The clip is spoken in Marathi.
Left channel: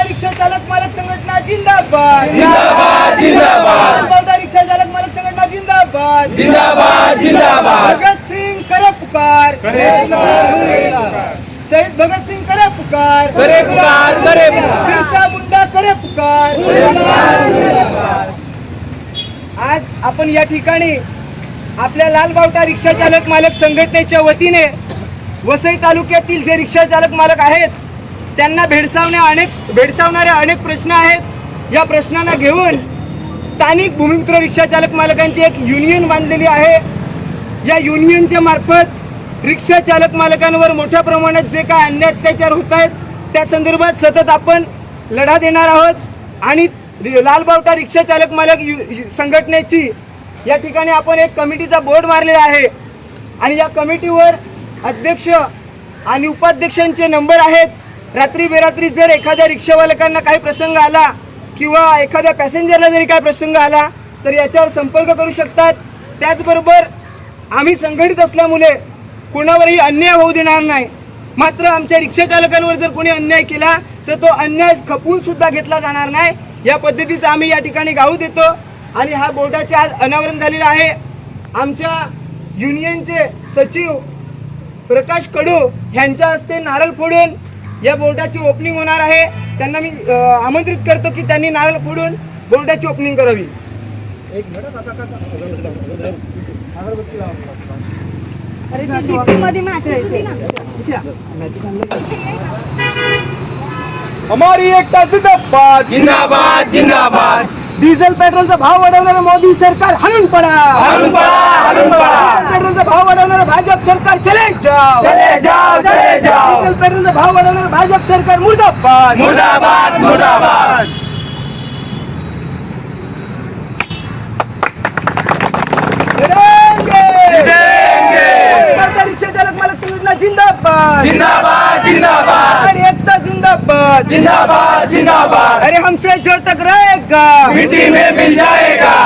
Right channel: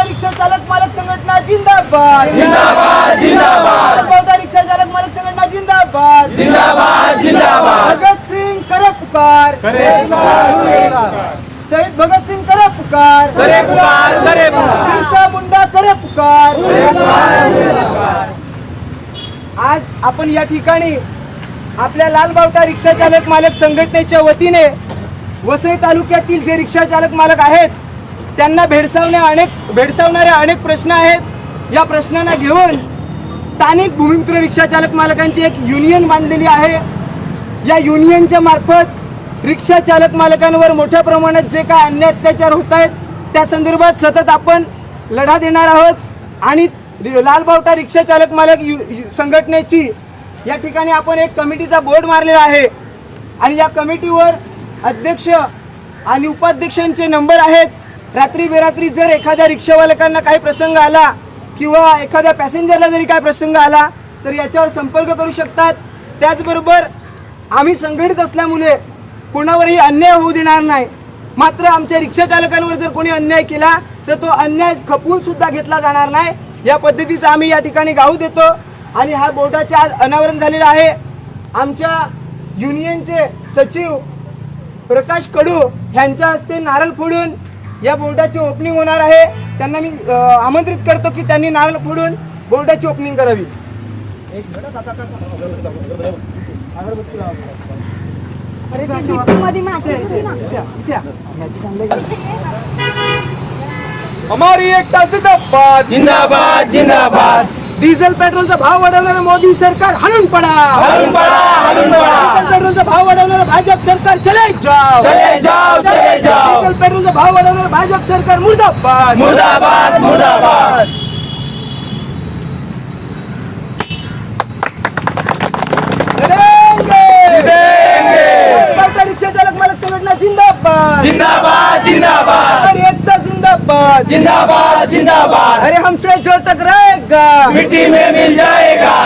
रिक्षा चालक मालक संघटना जिंदाबाद जिंदाबाद जिंदाबाद रिक्षा चालक मालक संघटना जिंदाबाद जिंदाबाद जिंदाबाद भगत सिंह करे पुकार शहीद भगत सिंह करे पुकार बिरसा मुंडा करे पुकार। आज आपण या ठिकाणी आपल्या लालबावटा रिक्षा चालक मालक संघटनेच्या वतीने वसई तालुक्यातील जे रिक्षा चालक मालक आहेत त्यांना भेडसावणारे अनेक प्रश्न आहेत। या प्रश्नांना घेऊन स्थानिक भूमिपुत्र रिक्षा चालक मालकांची एक युनियन बांधलेली आहे। या युनियनच्या मार्फत रिक्षा चालक मालकांवर मोठ्या प्रमाणात जे काय अन्याय अत्याचार होत आहेत त्या संदर्भात सतत आपण लढा देणार आहोत आणि लालबावटा रिक्षा चालक मालक संघटनेची या ठिकाणी आपण एक कमिटीचा बोर्ड मारलेला आहे आणि या कमिटीवर अध्यक्ष आणि उपाध्यक्षांचे नंबर आहेत। रात्री बेरात्री जर एखाद्या रिक्षावालकांना काही प्रसंग आला किंवा एखाद्या पॅसेंजरला जरी काही प्रसंग आला तर याच्यावर संपर्क करू शकतात। त्याचबरोबर आम्ही संघटित असल्यामुळे कोणावरही अन्याय होऊ देणार नाही। मात्र आमच्या रिक्षा चालकांवर जर कोणी अन्याय केला तर तो अन्याय खपवून सुद्धा घेतला जाणार नाही। या पद्धतीचं आम्ही या ठिकाणी गाऊ देतो आणि हा बोर्डाचे आज अनावरण झालेलं आहे। आमच्या युनियनचे सचिव प्रकाश कडू यांच्या हस्ते नारळ फोडून या बोर्डाची ओपनिंग होणार आहे। त्यांना मी आमंत्रित करतो की त्यांनी नारळ फोडून बोर्डाची ओपनिंग करावी। हमारी एकता जिंदाबाद जिंदाबाद जिंदाबाद डिझेल पेट्रोलचा भाव वाढवणारं मोदी सरकार हलून पडा पेट्रोलचा भाव वाढवणारं भाजप सरकार चले जाओ डिझेल पेट्रोलचा भाव वाढवणारं भाजप सरकार मुर्दाबाद मुर्दाबाद मुर्दाबाद रिक्षा चालक मालक संघटना जिंदाबाद जिंदाबाद जिंदाबाद अरे एकता जिंदाबाद जिंदाबाद जिंदाबाद अरे हमसे जो टकराएगा मिट्टी में मिल जाएगा